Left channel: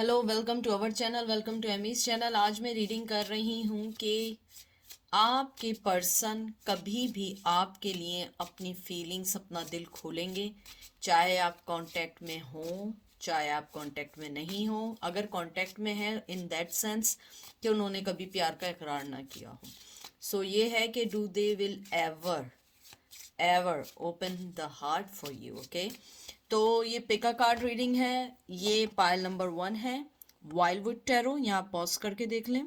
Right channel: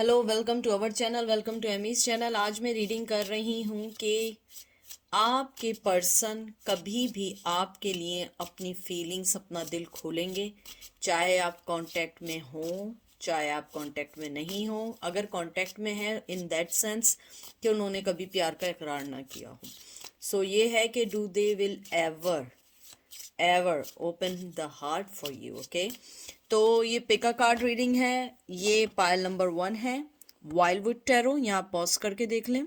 Hello, welcome to our channel, welcome to Amy's channel. आज मैं reading कर रही हूँ कि आपके पर्सन कभी भी आपके लिए अपनी फीलिंग्स, अपना दिल खोलेंगे, चाहे आप कांटेक्ट में हो, चाहे आप कांटेक्ट में नहीं हो। अगर कांटेक्ट में है इन दैट सेंस कि उन्होंने कभी प्यार का इकरार ना किया हो। सो ये है कि do they will ever ever open the heart for you. Okay, तो ये पिका कार्ड रीडिंग है। ये पायल नंबर 1 है, वाइल्डवुड टैरो। यहाँ पॉज करके देख लें।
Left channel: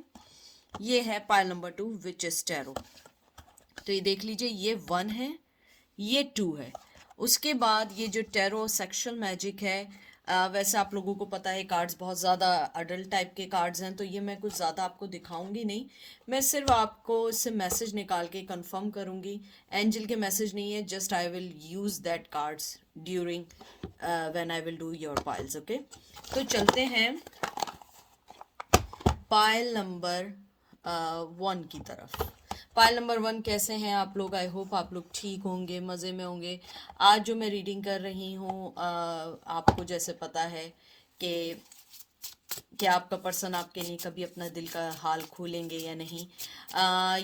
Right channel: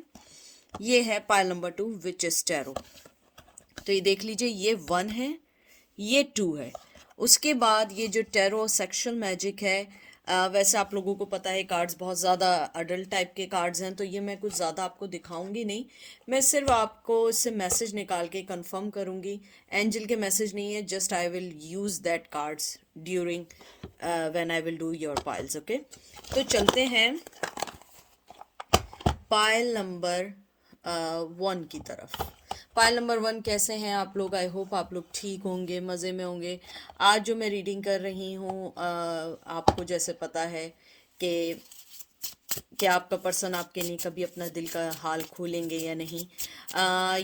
ये है पायल नंबर 2, विचेस टैरो। तो ये देख लीजिए, ये 1 है, ये 2 है। उसके बाद ये जो टैरो सेक्शुअल मैजिक है, वैसे आप लोगों को पता है कार्ड्स बहुत ज़्यादा अडल्ट टाइप के कार्ड्स हैं, तो ये मैं कुछ ज़्यादा आपको दिखाऊंगी नहीं। मैं सिर्फ आपको इससे मैसेज निकाल के कंफर्म करूंगी। एंजल के मैसेज नहीं है, just I will use that cards during when I will do your piles. Okay, तो चलते हैं पायल नंबर 1 की तरफ। पायल नंबर 1 कैसे हैं आप लोग? आई होप आप लोग ठीक होंगे, मज़े में होंगे। आज जो मैं रीडिंग कर रही हूँ, आपको जैसे पता है कि क्या आपका पर्सन आपके लिए कभी अपना दिल का हाल खोलेंगे या नहीं।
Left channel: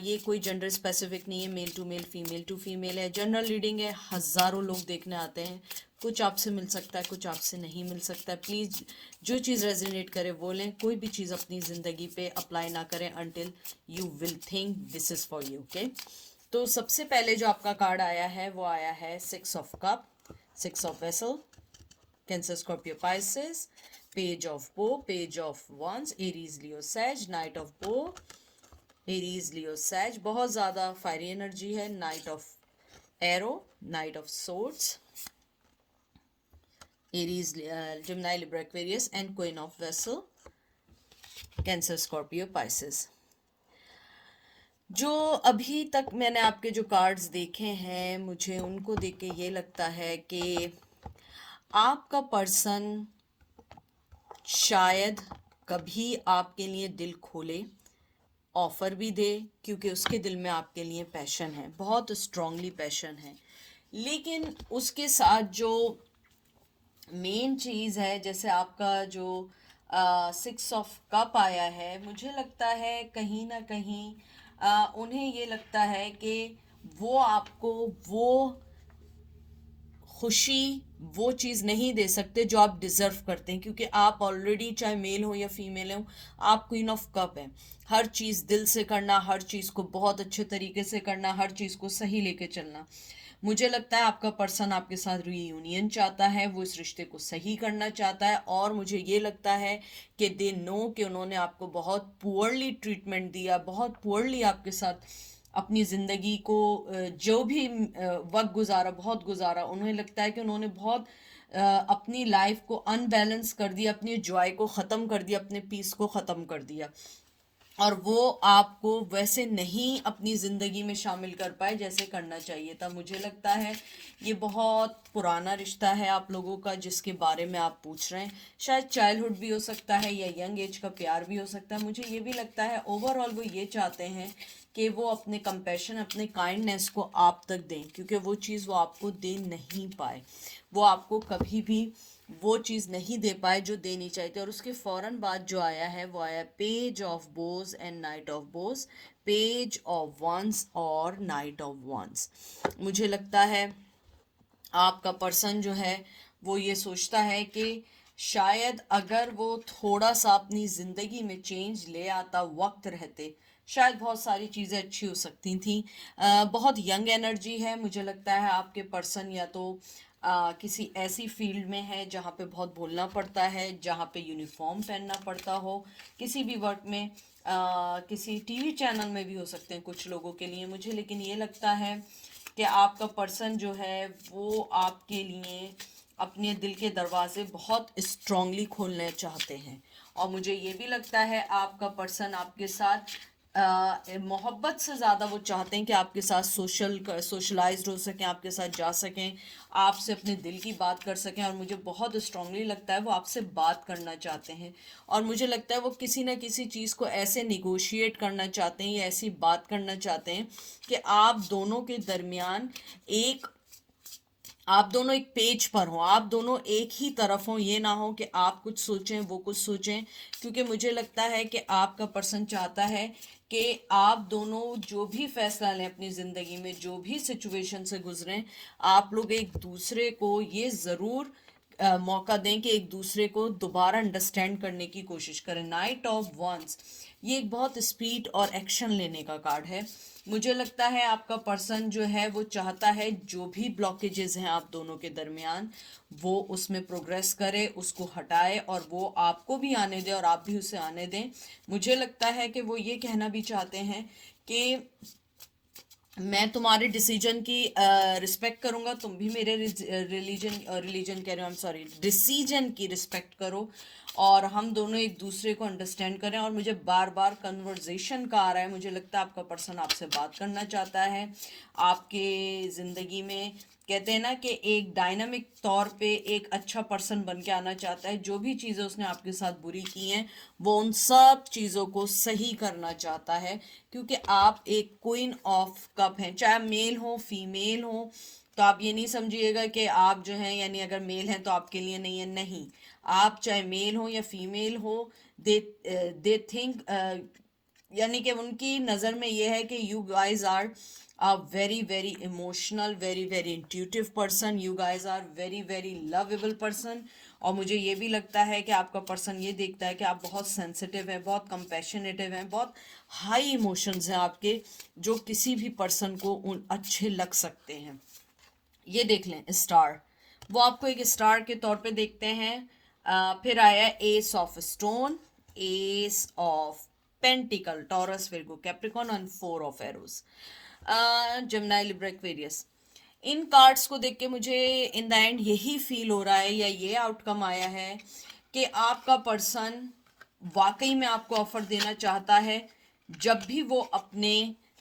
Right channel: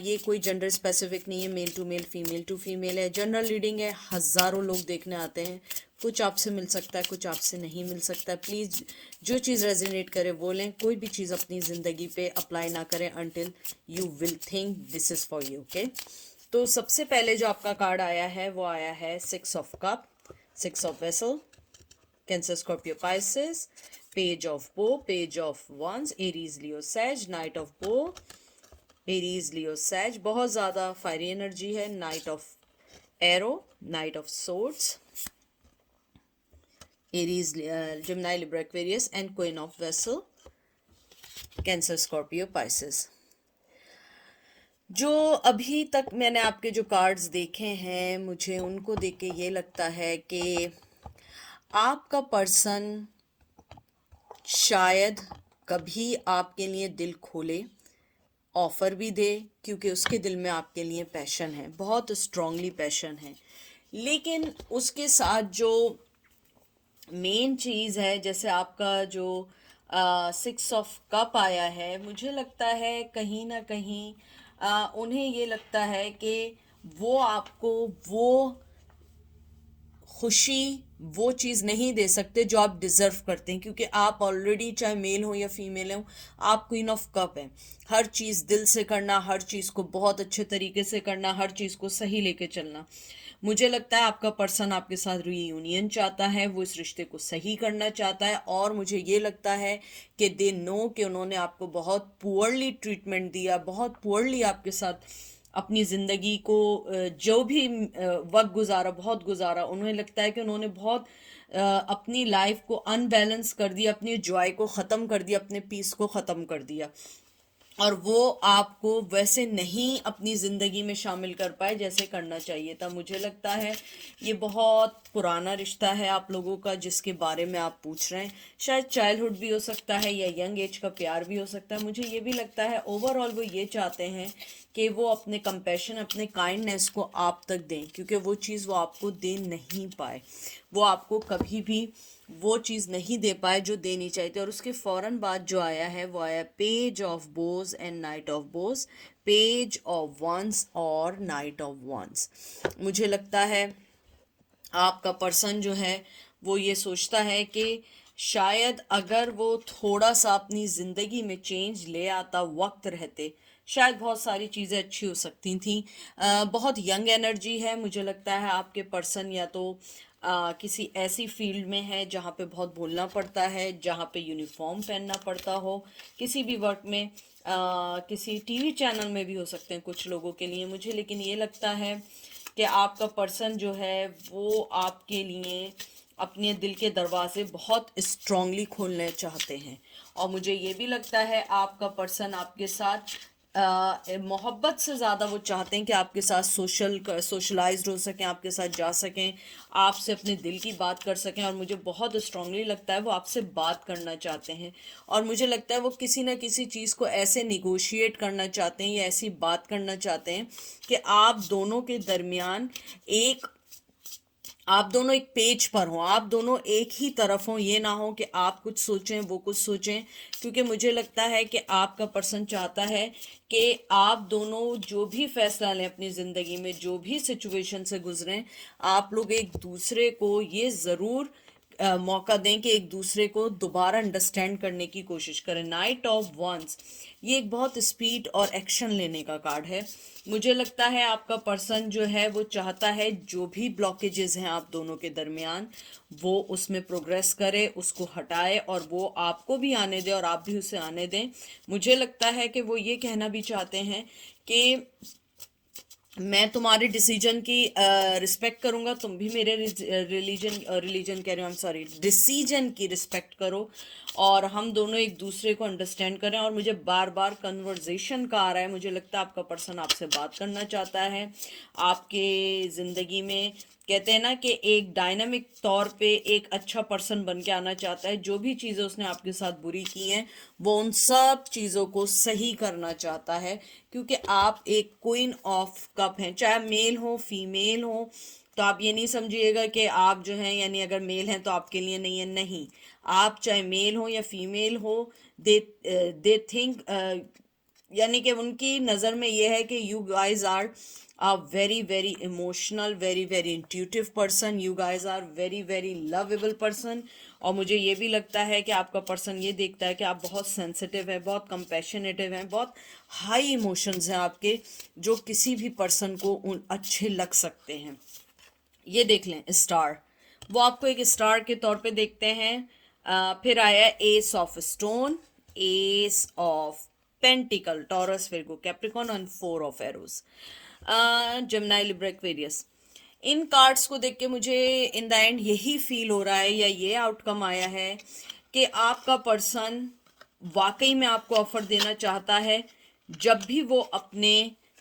ये कोई जेंडर स्पेसिफिक नहीं है, male to male, female to female है। जनरल रीडिंग है, हज़ारों लोग देखने आते हैं। कुछ आपसे मिल सकता है, कुछ आपसे नहीं मिल सकता है। प्लीज़ जो चीज़ रेजोनेट करे वो लें। कोई भी चीज़ अपनी ज़िंदगी पे अप्लाई ना करें until you will think this is for you. Okay, तो सबसे पहले जो आपका कार्ड आया है वो आया है 6 of cup, 6 of vessel, Cancer, Scorpio, Pisces, Page of Bow, Page of Wands, Aries, Leo, Sag, Knight of Bow, Aries, Leo, Sag। बहुत ज़्यादा फायरी एनर्जी है। Knight of Arrow, Knight of Swords, Aries, Gemini, Libra, Aquarius, and Queen of Vessel, Cancer, Scorpio, Pisces। जो अभी तक मैंने आपके जो cards देखे हैं, मुझे उनको देख के ये लगता है कि आपका पर्सन शायद कभी आपके लिए दिल खोले, ऑफ़र भी दे, क्योंकि उसके दिल में आपके लिए पैशन है, बहुत स्ट्रांगली पैशन है। लेकिन उसके साथ जो मेन चीज़ है, जैसे आपका जो 6 ऑफ कप आया है, मुझे लगता है कहीं ना कहीं उन्हें ये लगता है कि वो आपको वो खुशी, वो चीज़ नहीं दे सकते जो आप डिज़र्व करते हैं, क्योंकि आप ऑलरेडी, चाहे मेल हो या फीमेल हो, आप क्वीन ऑफ कप हैं। हर चीज़ दिल से करना, हर चीज़ को बहुत अच्छे तरीके से करना, हर चीज़ को सही लेके चलना। मुझे लगता है आपका पर्सन आपके साथ रीयूनियन चाहता है, वो इस रिश्ते को सही करना चाहता है। और मुझे ये लगता है कि दे नो कि उन्होंने आपको बहुत पुअरली ट्रीटमेंट दिया, बहुत पुअरली आपके साथ अपनी ज़िंदगी को जो भी वक्त गुजारा, बहुत गुजारा। उन्हें लगता है कि उन्होंने बहुत अपनी लाइफ को अनबैलेंस कर दिया, अपनी जॉय को ख़त्म कर दिया, अपने पीस को ख़त्म कर दिया, और वो आपको वैसे नहीं अपनी ज़िंदगी में शामिल कर पाए जैसे करना चाहिए था। मुझे लगता है ये बहुत पुराना रिश्ता है आप लोगों का, जिसके बारे में आप पूछ रहे हैं। शायद चाइल्डहुड भी हो सकता है या यंग एज का प्यार भी हो सकता है। मुझे ये भी लगता है ओवरऑल वो ये चाहते हैं कि वो अपने कंपैशन, अपने काइंडनेस को आप तक दें, क्योंकि वो चीज़ वो आपको दे नहीं पाए। वो आपको कभी भी वो चीज़ नहीं दे पाए जो देनी चाहिए थी। और उसके फ़ौरन बाद जो आया है वो आया page of bows and knight of bows, page of wands और नाइट ऑफ वंस। मुझे लगता है आपका पर्सन जो है वो ये सोचता है कि शायद अगर वो थोड़ा सा अपनी ज़िंदगी में चेंज ले आता वक्त रहते, शायद बहुत सारी चीज़ें अच्छी हो सकती थी। बहुत यंग एनर्जी है। मुझे लगता है आपके पर्सन या तो किसी ऐसी फील्ड में है जहाँ पे बहुत बोलना पड़ता है, जहाँ पे यूनिफॉर्म पहनना पड़ता हो, किसी भी वर्क में, किसी टीवी चैनल में भी हो सकते हैं कुछ लोगों के लिए। मुझे लेकिन ये लगता है कि आपका पर्सन जो है वो आपके लिए अपने दिल के दरवाजे बहुत स्ट्रांगली खोलना चाहते हैं। और मुझे ये भी लगता है आपका पर्सन आपके साथ मोहब्बत से ज़्यादा वो चाहते हैं कि आपके साथ सोशलाइज्ड हो सकें, आपके साथ जा सकें, आपसे अपने दिल की बात कर सकें। और मुझे बहुत स्ट्रांगली लगता है वो आपसे बात करना चाहते हैं। और मुझे लगता है वो किसी न किसी चीज़ को ऐसे निगोशिएट करना चाहते हैं या ऐसी बात करना चाहते हैं कि आप दोनों के दरमियान एक आप दोनों एक पेज पर हो, आप दोनों एक ही तरफ हो, ये ना हो कि आप कुछ सोचें वो कुछ सोचें, क्योंकि मुझे लगता है कि आपका पर्सन चाहता है कि आप दोनों जो भी फैसला लें अपनी ज़िंदगी में, जो भी सिचुएशन से गुजरें, आप लोग एक दूसरे को ये ज़रूर मौका दें कि एक दूसरे को दोबारा अंडरस्टैंड करने की कोशिश करें। नाइट ऑफ वंस ये एक बहुत स्पीड और एक्शन लेने का कार्ड है। मुझे लगता है आपका पर्सन जो है वो चाहता है जो भी ब्लॉकेजेस हैं आप दोनों के दरमियान, वो उसमें प्रोग्रेस करे, उसको हटाए, और वो आपको भी आने दे और आप भी उसे आने दें। मुझे लगता है कि वो ये कहना भी चाहते हैं कि मैं तुम्हारे डिसीजन की रिस्पेक्ट करूंगा, तुम भी मेरे रिलीजन कह रहे हो, आई एम सॉरी, डिसीजन की रिस्पेक्ट करो, और हम दोनों एक दूसरे को अंडरस्टैंड करें। और मुझे बार बार कन्वर्जेशन का आ रहा है, मुझे लगता है आपका पर्सन आपसे बात करना चाहता है। आपके ज़िंदगी में कहते हैं ना कि एक डायनामिक तौर पे एक अच्छा पर्सन बन के आना चाहता है। जो भी चीज़ें उसने आपके साथ बुरी की हैं वो उन सब चीज़ों को सही करना चाहता है, क्योंकि आप एक क्वीन ऑफ कप हैं, चाहे मेल हो फीमेल हो। तो आप ये नहीं समझिएगा कि आप जो हैं, यानी अगर मेल हैं तो आपके लिए नहीं है, नहीं। आप चाहे मेल हो या फीमेल हो, दे थिंक, यानी कि उनकी नज़र में ये है कि you guys are a very emotional, very intuitive person, you guys are very lovable person। और मुझे ये भी लगता है कि आपका पर्सन ये देखता है कि आप बहुत सेंसिटिव हैं, बहुत कंपैशनेटिव हैं, बहुत हाई इमोशंस हैं आपके, जो किसी भी पर्सन को उन अच्छे लग सकते हैं। ये देख लें स्टार, वो आपको एक स्टार के तौर पे देखते हैं। फिर आया S of stone, S of pentacles, Taurus, Virgo, Capricorn, and four of arrows, Gemini, Libra, Aquarius. In cards को देख के मुझे इन द एंड यही फील हो रहा है, या ये आउटकम आया है कि आपका पर्सन वाकई में आपको ऑफर देना चाहता है जब भी वो अपने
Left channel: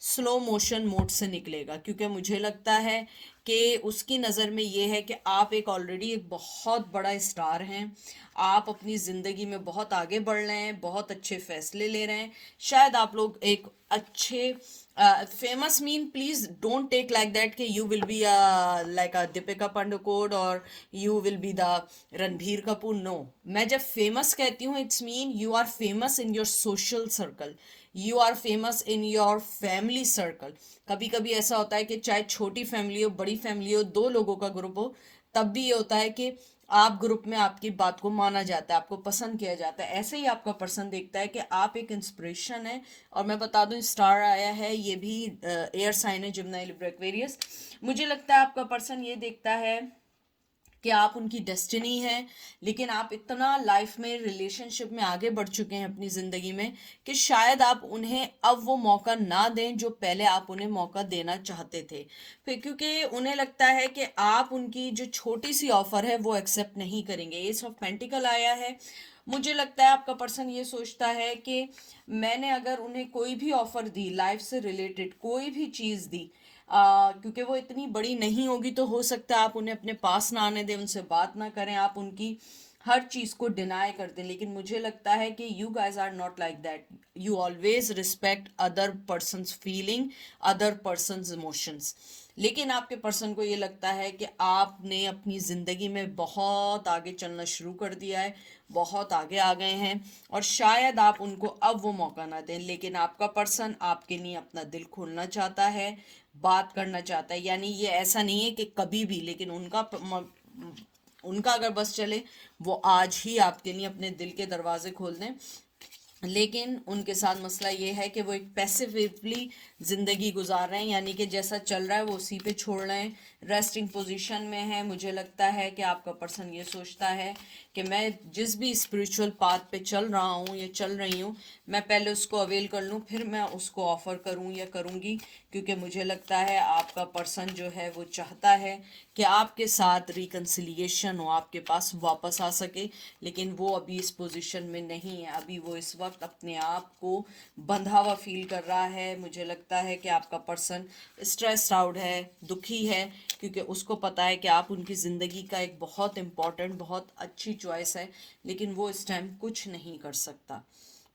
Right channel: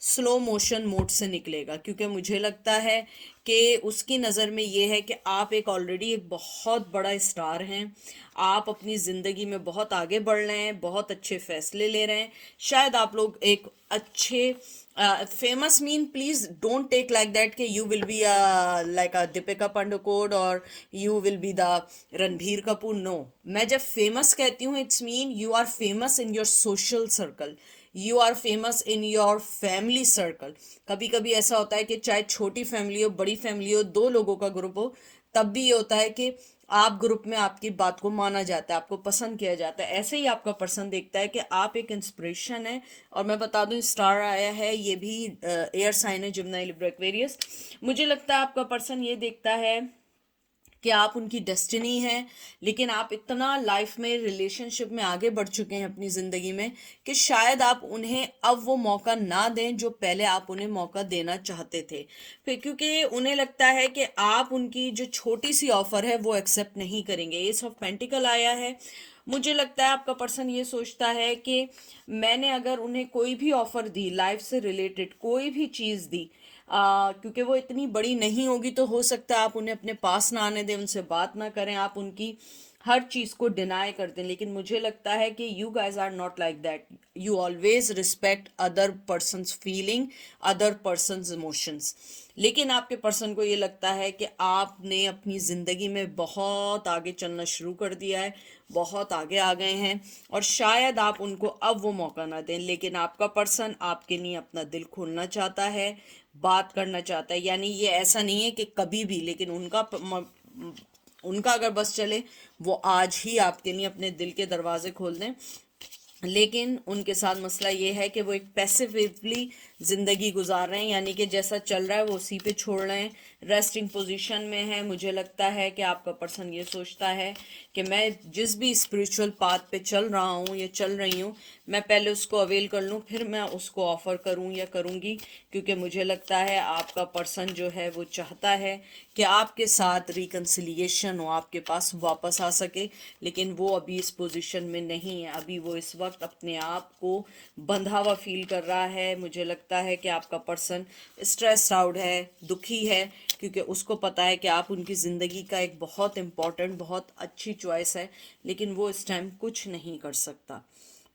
स्लो मोशन मोड से निकलेगा, क्योंकि मुझे लगता है कि उसकी नज़र में ये है कि आप एक ऑलरेडी एक बहुत बड़ा स्टार हैं। आप अपनी ज़िंदगी में बहुत आगे बढ़ रहे हैं, बहुत अच्छे फैसले ले रहे हैं। शायद आप लोग एक अच्छे famous mean, please don't take like that कि you will be like a Deepika Padukone और you will be the Ranbir Kapoor. No, मैं जब फेमस कहती हूँ it's mean you are famous in your social circle, you are famous in your family circle. कभी कभी ऐसा होता है कि चाहे छोटी फैमिली हो, बड़ी फैमिली हो, दो लोगों का ग्रुप हो, तब भी ये होता है कि आप ग्रुप में आपकी बात को माना जाता है, आपको पसंद किया जाता है। ऐसे ही आपका पर्सन देखता है कि आप एक इंस्पिरेशन है। और मैं बता दूं स्टार आया है, ये भी एयर साइन है, जेमिनी, लिब्रा, एक्वेरियस। मुझे लगता है आपका पर्सन ये देखता है कि आप उनकी डेस्टिनी है, लेकिन आप इतना लाइफ में रिलेशनशिप में आगे बढ़ चुके हैं अपनी ज़िंदगी में कि शायद आप उन्हें अब वो मौका ना दें जो पहले आप उन्हें मौका देना चाहते थे। फिर क्योंकि उन्हें लगता है कि आप उनकी जो छोटी सी ऑफ़र है वो एक्सेप्ट नहीं करेंगे। एस ऑफ पेंटिकल आया है। मुझे लगता है आपका पर्सन ये सोचता है कि मैंने अगर उन्हें कोई भी ऑफ़र दी, लाइफ से रिलेटेड कोई भी चीज़ दी, क्योंकि वो इतनी बड़ी नहीं होगी, तो हो सकता है आप उन्हें अपने पास ना आने दें, उनसे बात ना करें, आप उनकी हर चीज़ को डिनाई कर दें। लेकिन मुझे लगता है कि you guys are not like that, you always respect other person's feeling, other person's emotions. लेकिन आपके पर्सन को ये लगता है कि आपने अपनी ज़िंदगी में बहुत आगे चलना शुरू कर दिया है, बहुत आगे आ गए हैं, और शायद आप उनको अब वो मौका ना दें। लेकिन आपका पर्सन आपके लिए अपना दिल खोलना चाहता है, बात करना चाहता है। यानी ये ऐसा नहीं है कि कभी भी, लेकिन उनका अगर बस चले वो आज ही आपके लिए अपने दिल के दरवाजे खोल दें। लेकिन उनके साथ मसला ये है कि वो एक पैसिवली ज़िंदगी गुजार रहे हैं, यानी कि जैसा चल रहा है वो उसी पे छोड़ रहे हैं, रेस्टिंग पोजीशन में है। मुझे लगता है कि आपका पर्सन ये सोचता है कि मैं जिस भी स्पिरिचुअल पाथ पे चल रहा हूँ या चल रही हूँ, मैं पहले उसको अवेल कर लूँ, फिर मैं उसको ऑफ़र करूँ या करूँगी। क्योंकि मुझे लगता है आपका पर्सन जो है वो चाहता है कि आपके साथ रिकन्सिलिएशन हो, आपके पास वापस आ सके। लेकिन वो अभी इस पोजीशन में नहीं है, अभी वो इस वक्त अपने आप को बंधा हुआ फील कर रहा है। मुझे लगता है कि आपका पर्सन स्ट्रेस्ड आउट है, दुखी है, क्योंकि उसको पता है कि आप उनकी ज़िंदगी का एक बहुत इम्पॉर्टेंट, बहुत अच्छी चॉइस है, लेकिन वो इस टाइम कुछ नहीं कर सकता।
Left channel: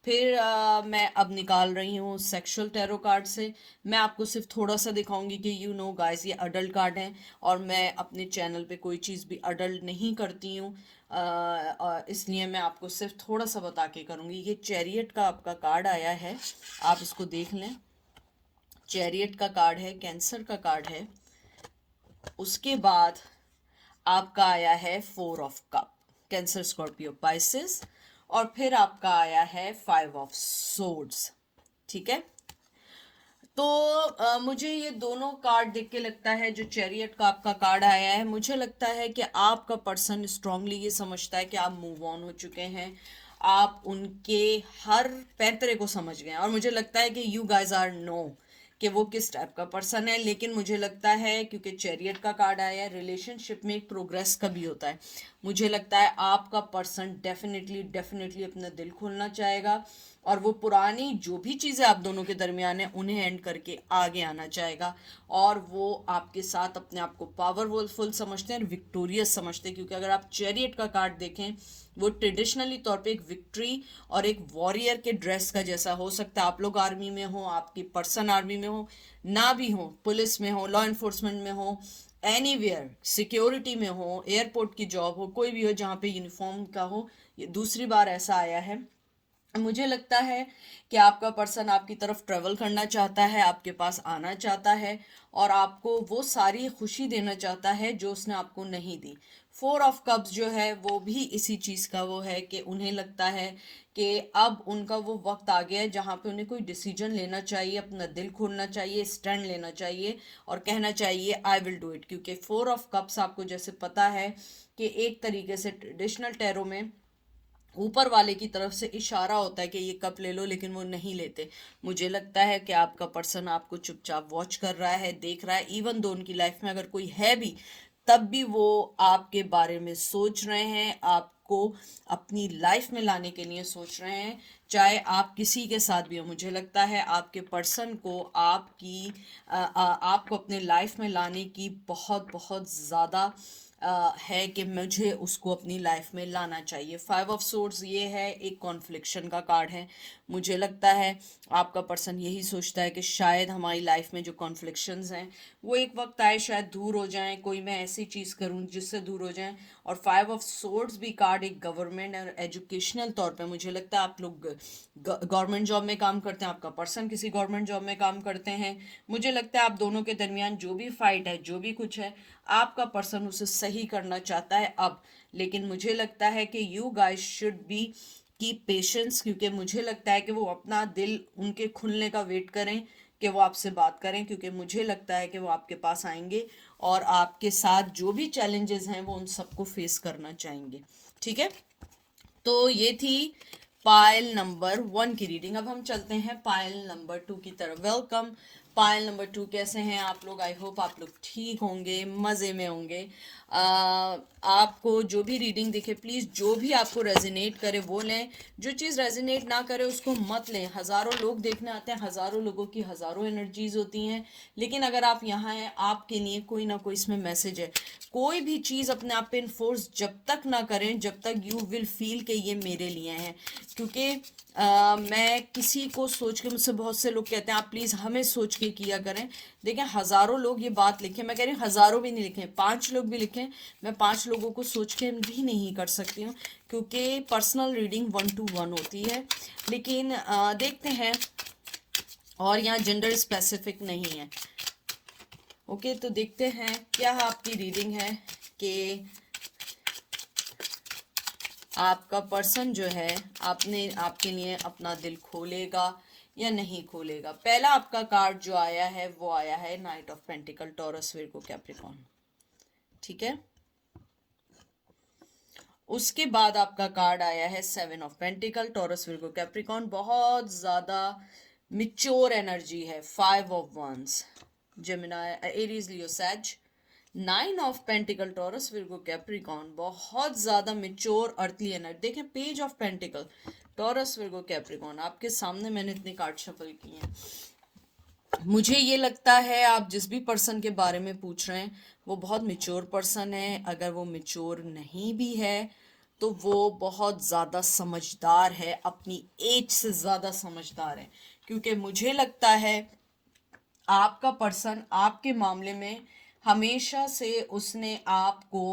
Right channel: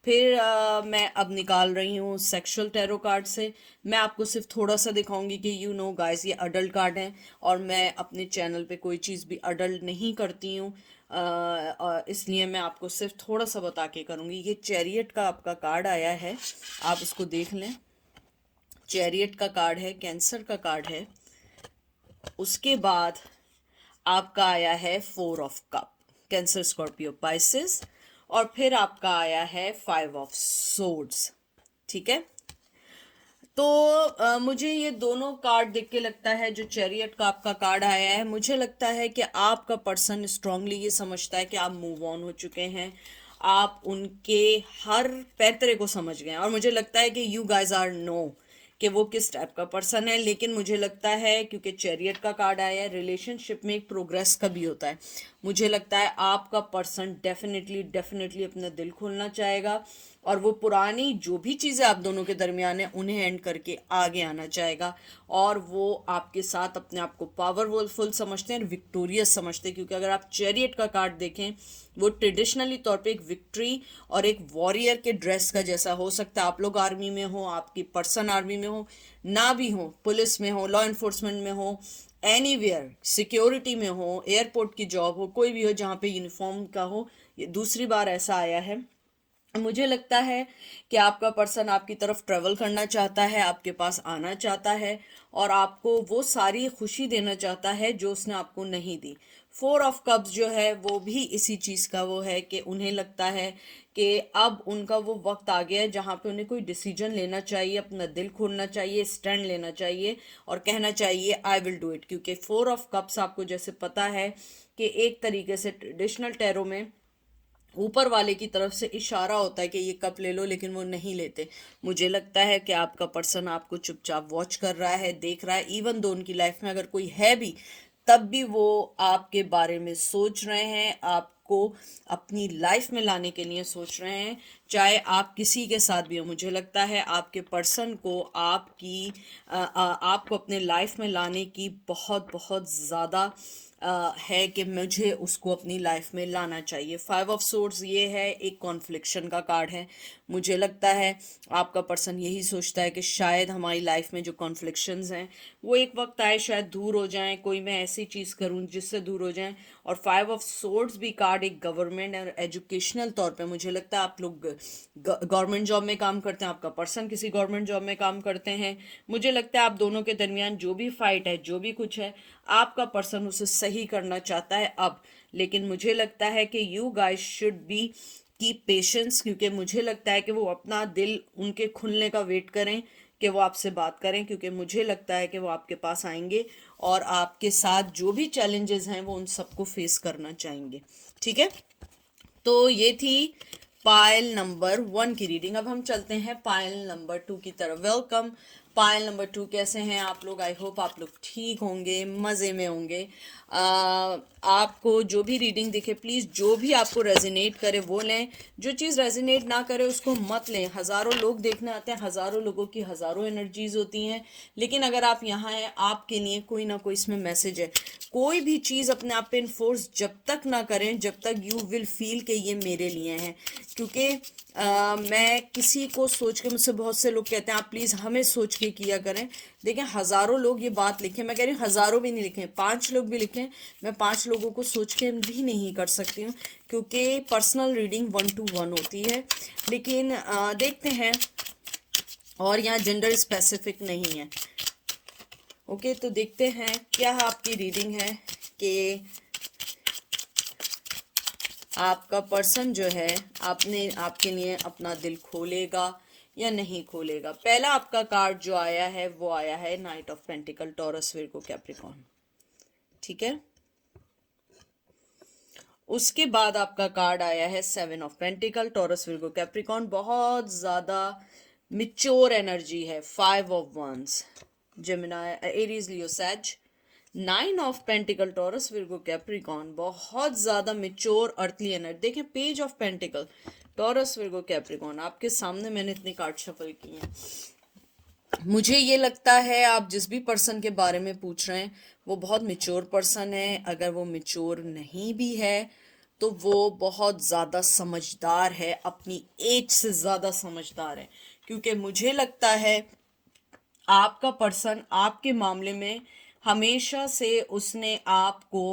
फिर मैं अब निकाल रही हूँ सेक्सुअल टैरो कार्ड से। मैं आपको सिर्फ थोड़ा सा दिखाऊंगी कि यू नो गाइस ये अडल्ट कार्ड हैं, और मैं अपने चैनल पे कोई चीज़ भी अडल्ट नहीं करती हूँ, इसलिए मैं आपको सिर्फ थोड़ा सा बता के करूँगी। ये चैरियट का आपका कार्ड आया है, आप इसको देख लें। चैरियट का कार्ड है, कैंसर का कार्ड है। उसके बाद आपका आया है 4 of cup, Cancer, Scorpio, Pisces. और फिर आपका आया है 5 ऑफ सोर्ड्स। ठीक है, तो मुझे ये दोनों कार्ड देख के लगता है, जो चैरियट का आपका कार्ड आया है, मुझे लगता है कि आपका पर्सन स्ट्रांगली ये समझता है कि आप मूव ऑन हो चुके हैं, आप उनके हर पैतरे को समझ गए हैं। और मुझे लगता है कि यू गाइज आर नो कि वो किस टाइप का पर्सन है। लेकिन मुझे लगता है, क्योंकि चैरियट का कार्ड आया है, रिलेशनशिप में एक प्रोग्रेस का भी होता है। मुझे लगता है आपका पर्सन डेफिनेटली डेफिनेटली अपना दिल खोलना चाहेगा, और वो पुरानी जो भी चीज़ें आप दोनों के दरमियान है उन्हें एंड करके आगे आना चाहेगा। और वो आपके साथ अपने आप को पावरफुल समझते हैं, विक्टोरियस समझते हैं। क्योंकि अगर आप चैरियट का कार्ड देखें, वो ट्रेडिशनली तौर पे एक विक्ट्री और एक वॉरियर के ड्रेस का जैसा हो सकता है। आप लोग आर्मी में हो, आपकी पर्सन आर्मी में हो, ना भी हो, पुलिस में हो, लॉ इन्फोर्समेंट में हो, एनीवेयर सिक्योरिटी में हो, एयरपोर्ट की जॉब हो, कोई भी हो जहाँ पे यूनिफॉर्म का हो, ये दूसरी बार ऐसा आया है। मुझे लगता है कि आपका पर्सन आपकी तरफ ट्रेवल करना चाहता है, आपके पास आना चाहता है, और आपको वो सारी खुशी देना चाहता है जो उसने आपको नहीं दी। 4 ऑफ कप्स जो है वो भी इसी चीज़ का वो है कि उन्हें लगता है कि अब उनका वो वक्त आ गया है जहाँ पे उन्हें कोई डिसीजन लेना चाहिए, अपना दिल खोलना चाहिए, स्टैंड लेना चाहिए और कहना चाहिए आई विल डू इट। क्योंकि 4 ऑफ कप्स आपको जैसे पता है कि एक तरीके से ट्रेडिशनल टैरो में ऊपर वाले की तरफ से इशारा होता है कि ये कप ले लो, लेकिन वो नहीं लेते। मुझे लगता है कि आपका पर्सन आपको चुपचाप वॉच कर रहा है, देख रहा है। इवन दो उनकी लाइफ में अगर कोई है भी, तब भी वो आपके बारे में सोच रहे हैं, आपको अपनी लाइफ में लाने के लिए सोच रहे हैं, चाहे आप किसी के साथ भी हो। मुझे लगता है आपके पर्सन को आपको अपने लाइफ में लाने की बहुत बहुत ज़्यादा है कि मुझे उसको अपनी लाइफ में लाना चाहिए। 5 ऑफ सोर्ड्स ये है, एक कॉन्फ्लिक्शन का कार्ड है। मुझे लगता है आपका पर्सन यही सोचता है कि शायद हमारी लाइफ में जो कॉन्फ्लिक्शंस हैं वो एक वक्त आए शायद दूर हो जाएं, कोई मैं ऐसी चीज़ करूं जिससे दूर हो जाएं। और 5 ऑफ सोर्ड्स भी कार्ड एक गवर्नमेंट और एजुकेशनल तौर पे, मुझे लगता है आप लोग गवर्नमेंट जॉब में काम करते हैं, आपका पर्सन किसी गवर्नमेंट जॉब में काम करते हैं। मुझे लगता है आप दोनों के दरमियान जो भी फाइट है, जो भी कुछ है, आपका पर्सन उसे सही करना चाहता है अब। लेकिन मुझे लगता है कि you guys should be keep patience, क्योंकि मुझे लगता है कि वो अपना दिल उनके खुलने का वेट करें कि वो आपसे बात करें। क्योंकि मुझे लगता है कि वो आपके पास आएंगे और आपके साथ जो भी चैलेंजेस हैं वो उन सबको फेस करना चाहेंगे। ठीक है, तो ये थी पायल नंबर 1 की रीडिंग। अब हम चलते हैं पायल नंबर 2 की तरफ। वेलकम पायल नंबर 2, कैसे हैं आप लोग? आई होप आप लोग ठीक होंगे, मज़े में होंगे। आपको जो भी रीडिंग दिखे, प्लीज़ जो भी आपको रेजोनेट करे वो लें, जो चीज़ रेजोनेट ना करे उसको मत लें। हज़ारों लोग देखने आते हैं, हज़ारों लोगों की हज़ारों एनर्जीज होती हैं, लेकिन अगर आप यहाँ हैं, आपके लिए कोई ना कोई इसमें मैसेज है। कोई भी चीज़ अपने आप पे इन्फोर्स जब तक ना करें जब तक यू विल फील कि ये मेरे लिए है। क्योंकि मैं किसी को सोच के, मुझसे बहुत से लोग कहते हैं आप प्लीज़ हमें सोच के किया करें। देखें, हज़ारों लोग ये बात लिखें, मैं कह रही हूँ हज़ारों भी नहीं लिखें, 5 लोग भी लिखें, मैं 5 लोगों को सोच के भी नहीं कर सकती हूँ, क्योंकि पर्सनल रीडिंग 1-to-1 होती है। लेकिन देखते हैं, और यहाँ जेंडर स्पेसिफिक नहीं है। ओके, तो देखते हैं क्या आपकी रीडिंग है कि आपका पर्सन जो है आपके लिए अपना दिल खोलेगा या नहीं खोलेगा। पहला आपका कार्ड जो आया है वो आया है knight of pentacles, Taurus, Virgo, Capricorn. ठीक है, उसके बाद आपका कार्ड आया है 7 of pentacles, Taurus, Virgo, Capricorn. बहुत ज़्यादा मिच्योर एनर्जी है। 5 of wands, Gemini, Aries, Leo, Sag. 9 of pentacles, Taurus, Virgo, Capricorn. बहुत ज़्यादा मिच्योर अर्थली एनर्जी। देखिए, page of pentacles, Taurus, Virgo, Capricorn, आपके सामने मैंने इतने कार्ड शफल किए हैं। मुझे ये लगता है आप जिस भी पर्सन के बारे में पूछ रहे हैं वो बहुत मिच्योर पर्सन है। अगर वो मिच्योर नहीं भी है तो वो बहुत ज़्यादा समझदार है, अपनी एज से ज़्यादा समझदार है। क्योंकि मुझे लगता है आपका पर्सन आपके मामले में हमेशा से उसने आपको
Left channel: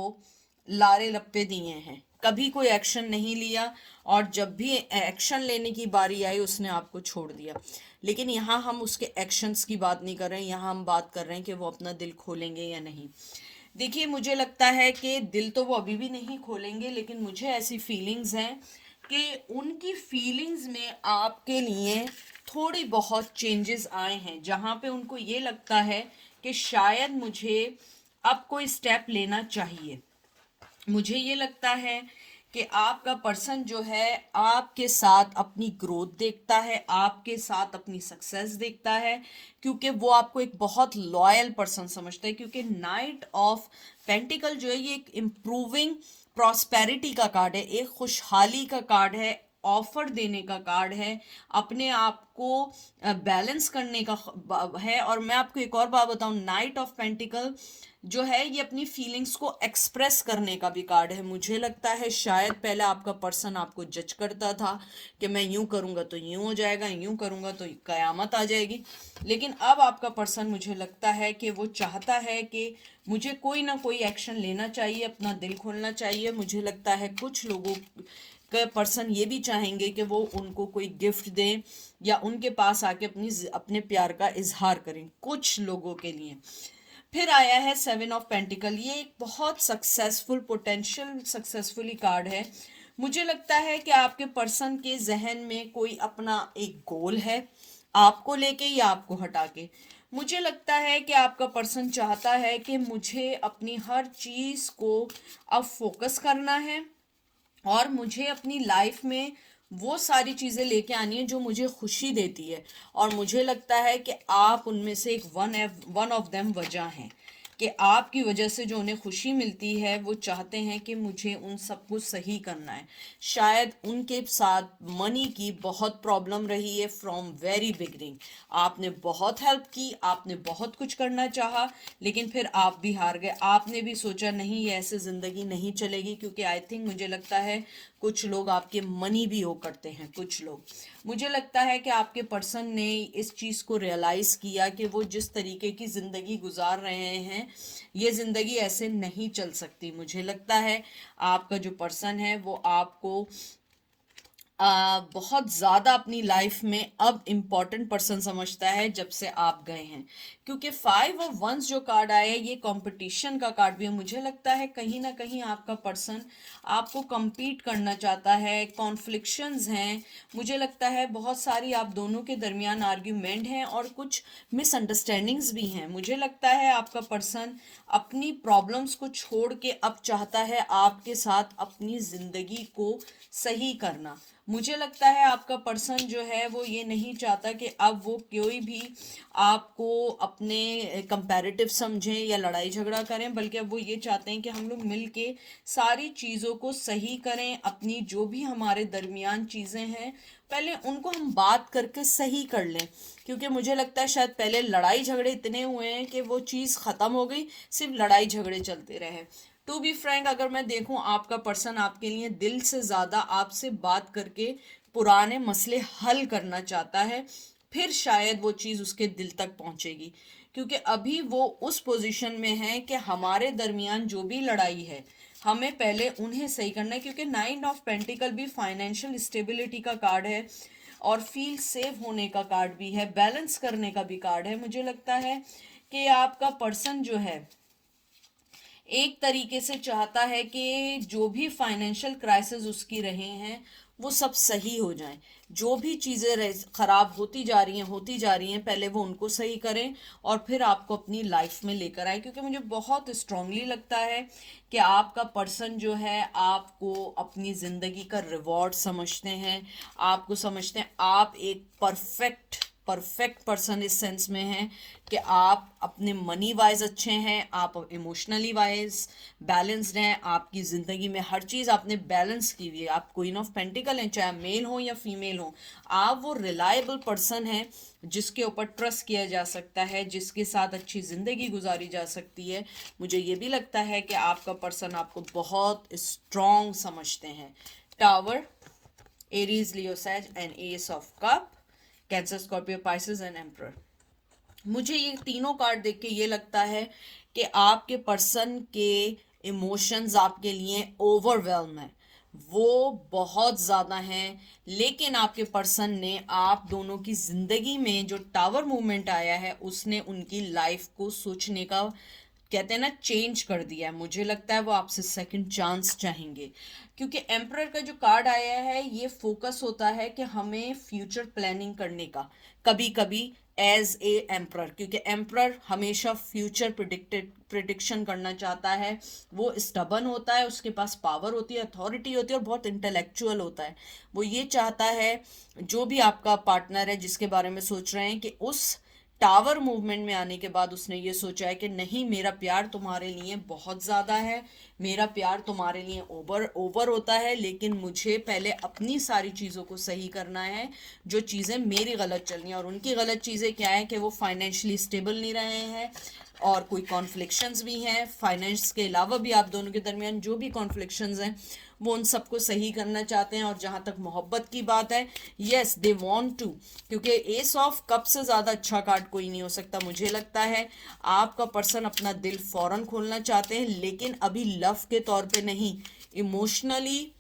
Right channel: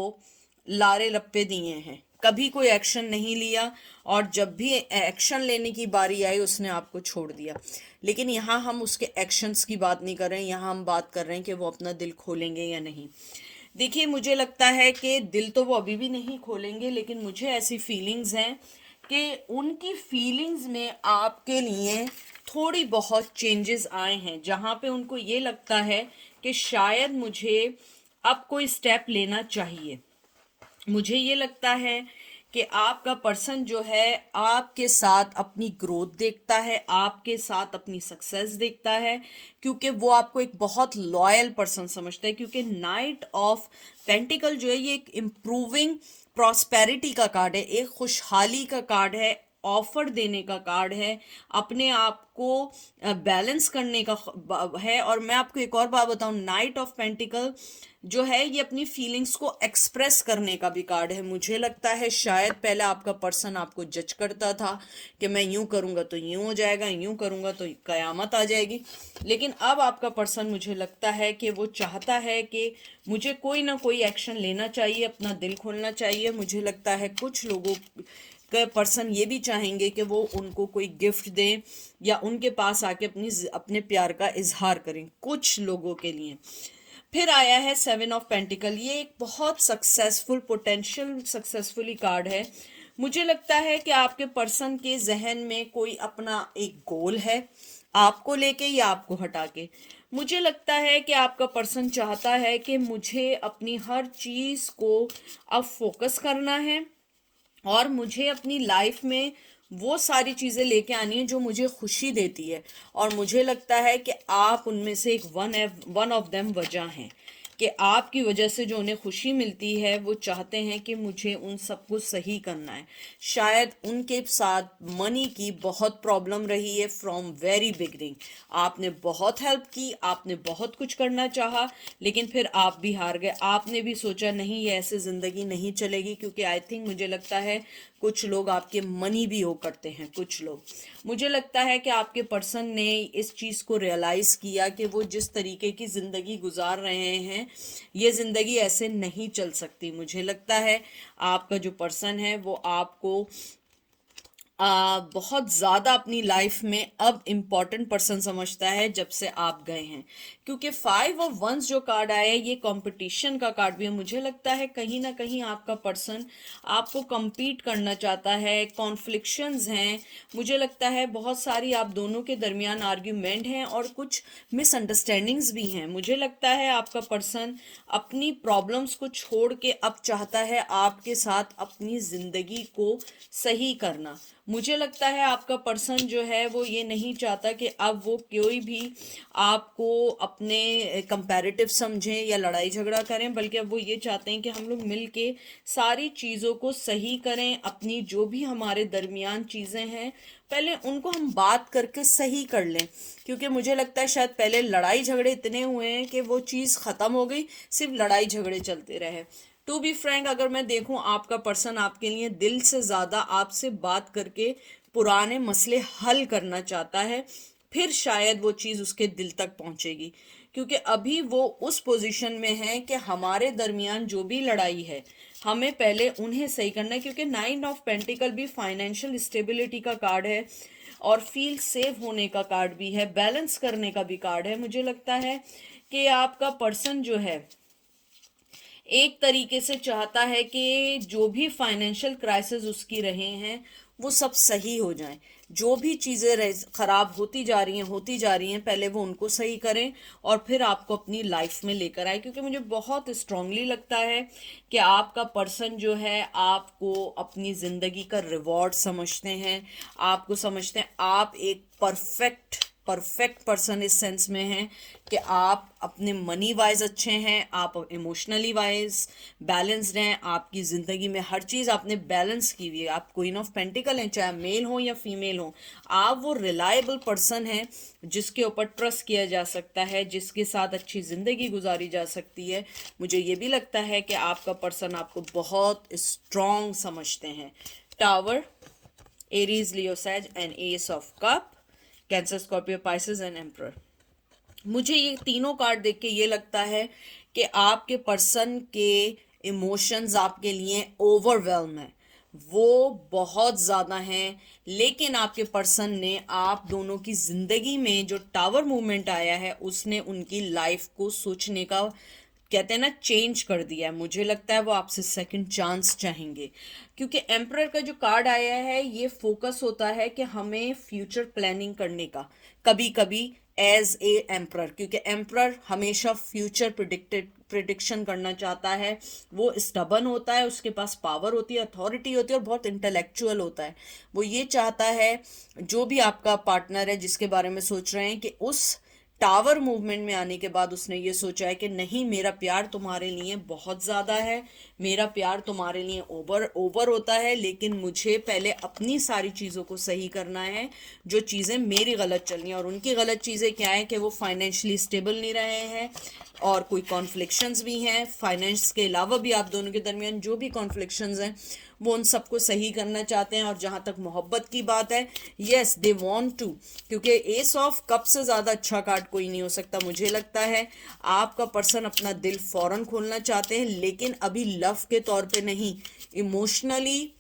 लारे लप्पे दिए हैं, कभी कोई एक्शन नहीं लिया, और जब भी एक्शन लेने की बारी आई उसने आपको छोड़ दिया। लेकिन यहाँ हम उसके एक्शंस की बात नहीं कर रहे हैं, यहाँ हम बात कर रहे हैं कि वो अपना दिल खोलेंगे या नहीं। देखिए, मुझे लगता है कि दिल तो वो अभी भी नहीं खोलेंगे, लेकिन मुझे ऐसी फीलिंग्स हैं कि उनकी फीलिंग्स में आपके लिए थोड़ी बहुत चेंजेस आए हैं, जहाँ पे उनको ये लगता है कि शायद मुझे अब कोई स्टेप लेना चाहिए। मुझे ये लगता है कि आपका पर्सन जो है आपके साथ अपनी ग्रोथ देखता है, आपके साथ अपनी सक्सेस देखता है, क्योंकि वो आपको एक बहुत लॉयल पर्सन समझता है। क्योंकि नाइट ऑफ पेंटिकल जो है ये एक इम्प्रूविंग प्रॉस्पेरिटी का कार्ड है, एक खुशहाली का कार्ड है, ऑफर देने का कार्ड है, अपने आप को बैलेंस करने का है। और मैं आपको एक और बात बताऊं, नाइट ऑफ पेंटिकल जो है ये अपनी फीलिंग्स को एक्सप्रेस करने का भी कार्ड है। मुझे लगता है शायद पहले आपका पर्सन आपको जज करता था कि मैं यूं करूंगा तो यूं हो जाएगा, यूं करूंगा तो कयामत आ जाएगी, लेकिन अब आपका पर्सन मुझे लगता है कि वो चाहता है कि मुझे कोई ना कोई एक्शन लेना चाहिए, अपना दिल खोलना चाहिए। मुझे लगता है कुछ लोगों का पर्सन ये भी चाहेंगे कि वो उनको कोई गिफ्ट दें या उनके पास आके अपने प्यार का इजहार करें, कुछ लोगों के लिए। फिर आया है 7 ऑफ पेंटिकल, ये एक बहुत सक्सेसफुल, पोटेंशियल सक्सेसफुली कार्ड है। मुझे लगता है कि आपके पर्सन के जहन में कोई अपना एक गोल है, आपको लेके या आपको हटा के। मुझे लगता है कि आपका पर्सन चाहता है कि मुझे अपनी हर चीज को अब फोकस करना है, और मुझे अपनी लाइफ में वो सारी चीज़ें लेके आनी है जो मुझे खुशी देती है। और मुझे लगता है कि आप उनमें से एक वन ऑफ देम वजह हैं कि आपकी वजह से जो उन्हें खुशी मिलती है, वो चाहते हैं कि मुझे उन सब कुछ सही करना है। शायद उनके साथ मनी की बहुत प्रॉब्लम रही है फ्रॉम वेरी बिगनिंग। आपने बहुत हेल्प की, आपने बहुत कुछ करना चाहा, लेकिन फिर आप भी हार गए। आपने भी सोचा नहीं, ये ऐसे ज़िंदगी नहीं चलेगी। क्योंकि आई थिंक मुझे लगता है कुछ लोग आपके मनी भी हो करते हैं, कुछ लोग। मुझे लगता है कि आपके पर्सन ने इस चीज़ को रियलाइज़ किया कि वो जिस तरीके की ज़िंदगी गुजार रहे हैं, ये ज़िंदगी ऐसे नहीं चल सकती। मुझे लगता है आपका जो पर्सन है वो आपको बहुत ज़्यादा अपनी लाइफ में अब इम्पॉर्टेंट पर्सन समझता है जब से आप गए हैं। क्योंकि 5 ऑफ वंस जो कार्ड आया है ये कंपटीशन का कार्ड भी है। मुझे लगता है कहीं ना कहीं आपका पर्सन आपको compete करना चाहता है, कॉन्फ्लिक्शंस हैं। मुझे लगता है बहुत सारी आप दोनों के दरमियान आर्ग्यूमेंट हैं और कुछ मिसअंडरस्टैंडिंग्स भी हैं। मुझे लगता है आपका पर्सन अपनी प्रॉब्लम्स को छोड़ के अब चाहता है आपके साथ अपनी ज़िंदगी को सही करना। मुझे लगता है आपका पर्सन जो है वो ये नहीं चाहता कि अब वो कोई भी आपको अपने कंपैरेटिव समझें या लड़ाई झगड़ा करें, बल्कि अब वो ये चाहते हैं कि हम लोग मिल के सारी चीज़ों को सही करें। अपनी जो भी हमारे दरमियान चीज़ें हैं पहले उनको हम बात करके सही कर लें। क्योंकि मुझे लगता है शायद पहले लड़ाई झगड़े इतने हुए हैं कि वो चीज़ ख़त्म हो गई, सिर्फ लड़ाई झगड़े चलते रहे। टू बी फ्रैंक, अगर मैं देखूं आपका पर्सन आपके लिए दिल से ज़्यादा आपसे बात करके पुराने मसले हल करना चाहता है, फिर शायद वो चीज़ उसके दिल तक पहुंचेगी। क्योंकि अभी वो उस पोजीशन में है कि हमारे दरमियान जो भी लड़ाई है हमें पहले उन्हें सही करना है। क्योंकि 9 ऑफ पेंटिकल भी फाइनेंशियल स्टेबिलिटी का कार्ड है, और फील सेफ होने का कार्ड भी है, बैलेंस करने का भी कार्ड है। मुझे लगता है कि आपका पर्सन जो है एक तरीके से चाहता है कि जो भी फाइनेंशियल क्राइसिस उसकी रहे हैं वो सब सही हो जाएं। जो भी चीज़ें खराब होती जा रही हैं, पहले वो उनको सही करें और फिर आपको अपनी लाइफ में लेकर आए। क्योंकि मुझे बहुत स्ट्रांगली लगता है कि आपका पर्सन जो है आपको अपनी ज़िंदगी का रिवॉर्ड समझते हैं, आपको समझते हैं आप एक परफेक्ट परफेक्ट पर्सन इस सेंस में हैं कि आप अपने मनी वाइज अच्छे हैं, आप इमोशनली वाइज बैलेंस्ड हैं, आपकी ज़िंदगी में हर चीज़ आपने बैलेंस की हुई है। आप क्वीन ऑफ पेंटिकल हैं, चाहे मेल हो या फीमेल हो। आप वो रिलायबल पर्सन हैं जिसके ऊपर ट्रस्ट किया जा सकता है, जिसके साथ अच्छी ज़िंदगी गुजारी जा सकती है। मुझे ये भी लगता है कि आपका पर्सन आपको बहुत स्ट्रॉन्ग समझते हैं। Tower, Aries, Leo, Sag and ace of cup, Cancer, Scorpio, Pisces and emperor. मुझे ये तीनों कार्ड देख के ये लगता है कि आपके पर्सन के इमोशंस आपके लिए ओवरवेलम है, वो बहुत ज़्यादा हैं। लेकिन आपके पर्सन ने आप दोनों की ज़िंदगी में जो टावर मूवमेंट आया है उसने उनकी लाइफ को सोचने का, कहते हैं ना, चेंज कर दिया है। मुझे लगता है वो आपसे सेकंड चांस चाहेंगे, क्योंकि एम्परर का जो कार्ड आया है ये फोकस होता है कि हमें फ्यूचर प्लानिंग करने का, कभी कभी एज ए एम्परर, क्योंकि एम्परर हमेशा फ्यूचर प्रिडिक्शन करना चाहता है। वो स्टबन होता है, उसके पास पावर होती है, अथॉरिटी होती है और बहुत इंटेलेक्चुअल होता है। वो ये चाहता है जो भी आपका पार्टनर है जिसके बारे में सोच रहे हैं कि उस टावर मूवमेंट में आने के बाद उसने ये सोचा है कि नहीं, मेरा प्यार तुम्हारे लिए बहुत ज़्यादा है, मेरा प्यार तुम्हारे लिए ओवर ओवर होता है, लेकिन मुझे पहले अपनी सारी चीज़ों को सही करना है जो चीज़ें मेरी गलत चल रही हैं। और उनकी गलत चीज़ें क्या है कि वो फाइनेंशियली स्टेबल नहीं रहे हैं और कोई कॉन्फ्लिक्शंस भी हैं। फाइनेंस के अलावा भी आप दोनों के दरमियान जो भी कॉन्फ्लिक्शंस हैं वो उन सबको सही करना चाहते हैं। और जहाँ तक मोहब्बत की बात है, येस दे वांट टू, क्योंकि एस ऑफ कप से ज़्यादा अच्छा कार्ड कोई नहीं हो सकता। मुझे लगता है आपका पर्सन अपना दिल फौरन खोलना चाहते हैं, लेकिन अभी लव के तौर पे नहीं, इमोशनली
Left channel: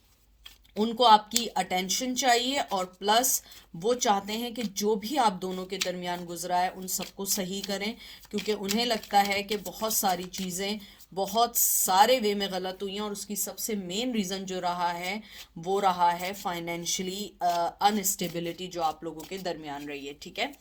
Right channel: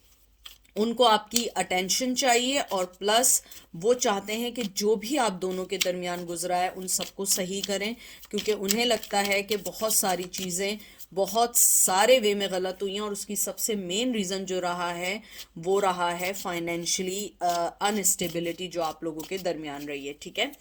उनको आपकी अटेंशन चाहिए। और प्लस वो चाहते हैं कि जो भी आप दोनों के दरमियान गुजरा है उन सबको सही करें, क्योंकि उन्हें लगता है कि बहुत सारी चीज़ें बहुत सारे वे में गलत हुई हैं। और उसकी सबसे मेन रीज़न जो रहा है वो रहा है फाइनेंशियली अनस्टेबिलिटी जो आप लोगों के दरमियान रही है। ठीक है,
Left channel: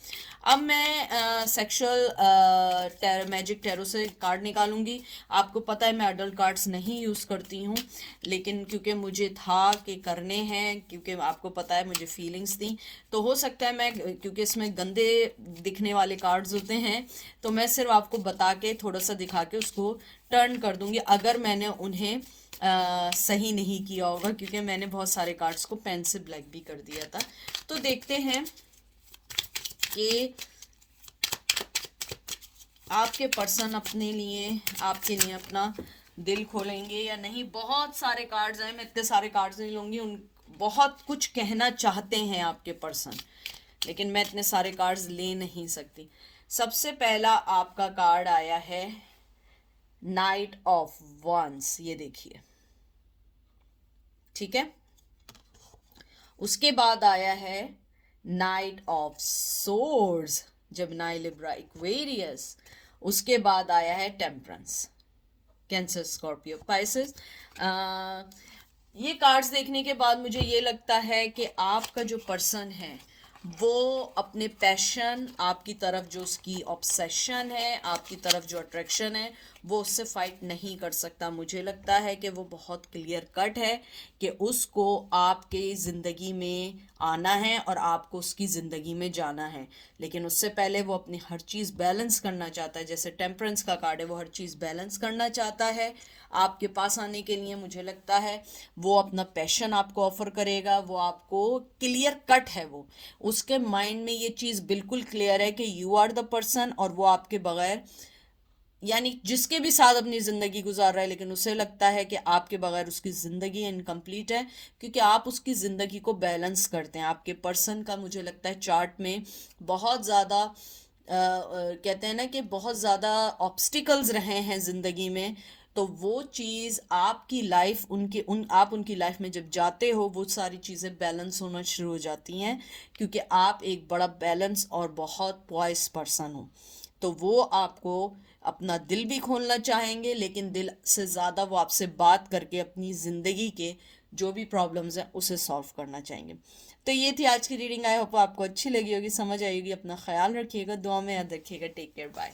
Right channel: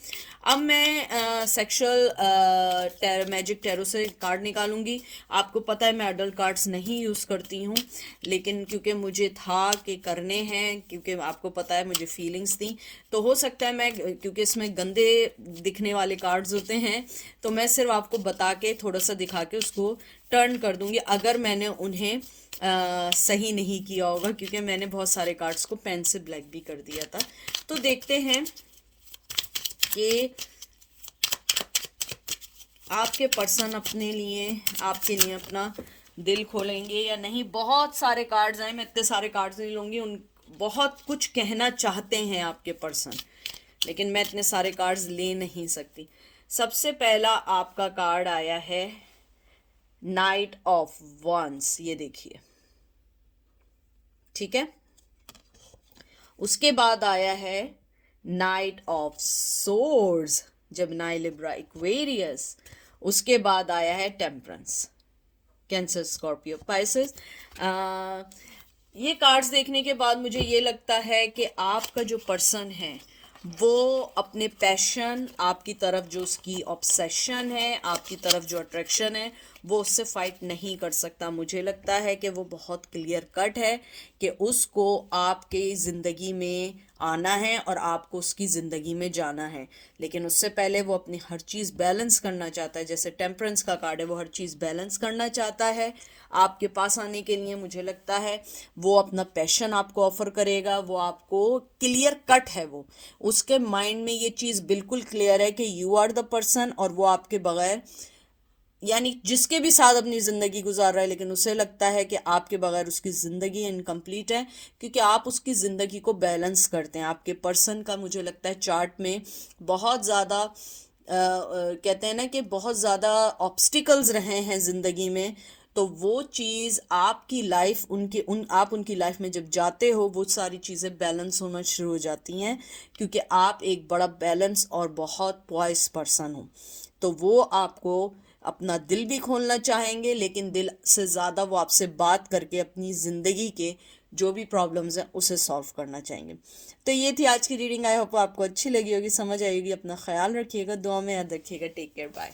अब मैं सेक्सुअल मैजिक टैरो से कार्ड निकालूंगी। आपको पता है मैं अडल्ट कार्ड्स नहीं यूज़ करती हूँ, लेकिन क्योंकि मुझे था कि करने हैं, क्योंकि आपको पता है मुझे फीलिंग्स थी, तो हो सकता है मैं, क्योंकि इसमें गंदे दिखने वाले कार्ड्स होते हैं, तो मैं सिर्फ आपको बता के थोड़ा सा दिखा के उसको टर्न कर दूंगी अगर मैंने उन्हें सही नहीं किया होगा, क्योंकि मैंने बहुत सारे कार्ड्स को पेन से ब्लैक भी कर दिया था। तो देखते हैं कि आपके पर्सन अपने लिए, आपके लिए अपना दिल खोलेंगे या नहीं। बहुत सारे कार्ड्स हैं, मैं इतने सारे कार्ड्स नहीं लूँगी। उन बहुत कुछ कहना चाहते हैं आपके पर्सन, लेकिन मैं इतने सारे कार्ड्स ले नहीं सकती। सबसे पहला आपका कार्ड आया है नाइट ऑफ वंस, ये देखिए, ठीक है। उसके बाद आया है knight of swords, Gemini, Libra, Aquarius. उसके बाद आया है टेम्परेंस, कैंसर, स्कॉर्पियो, पाइसेस। ये कार्ड्स देखने के बाद मुझे ये लगता है कि आपका जो पर्सन है वो अपने पैशन, आपकी तरफ जो उसकी ऑब्सेशन है, आपकी तरफ जो अट्रैक्शन है, वो उससे फाइट नहीं कर सकता। मुझे लगता है कि वो बहुत क्लियर कट है कि उसको आपके ज़िंदगी में आना है और आपको उसकी ज़िंदगी में जाना है, लेकिन उससे पहले वो अपनी हर चीज़ बैलेंस करना चाहता है। जैसे टेम्परेंस का कार्ड है, वो हर चीज़ बैलेंस करना चाहता है। आपके पास आने के लिए मुझे लगता है वो अपना पैशन आपको ऑफर करेगा, वो आपको क्लियर कट है, वो उसके माइंड में ये चीज़ बिल्कुल क्लियर है कि यू आर द पर्सन, और वो आपके बगैर, यानी जिसके भी साथ अपनी ज़िंदगी गुजार रहा है, लेकिन उसे लगता है कि आपके बगैर उसकी ज़िंदगी इनकम्प्लीट है, क्योंकि आप उसकी ज़िंदगी को बैलेंस करते हैं। आपके पर्सन का मुझे लगता है चार्ट में बहुत ज़्यादा कहते हैं ना कि बहुत ज़्यादा ऑब्स्टिकल्स रहे हैं ज़िंदगी में, तो वो चीज़ आपकी लाइफ, आप उनकी लाइफ में जब जाते हो वो सारी चीज़ें बैलेंस होना शुरू हो जाती हैं, क्योंकि आप एक बड़ा बैलेंस और बहुत पॉइस पर्सन हो। तो वो आपको अपना दिल भी खोलना चाहेंगे, लेकिन दिल से ज़्यादा वो आपसे बात करके अपनी ज़िंदगी के जो भी प्रॉब्लम्स हैं उसे सॉल्व करना चाहेंगे। तो ये थी आज की रीडिंग। आई होप आपको अच्छी लगी होगी, समझ आएगी। अपना ख्याल रखिएगा, दुआ में याद रखिएगा। Take care, bye.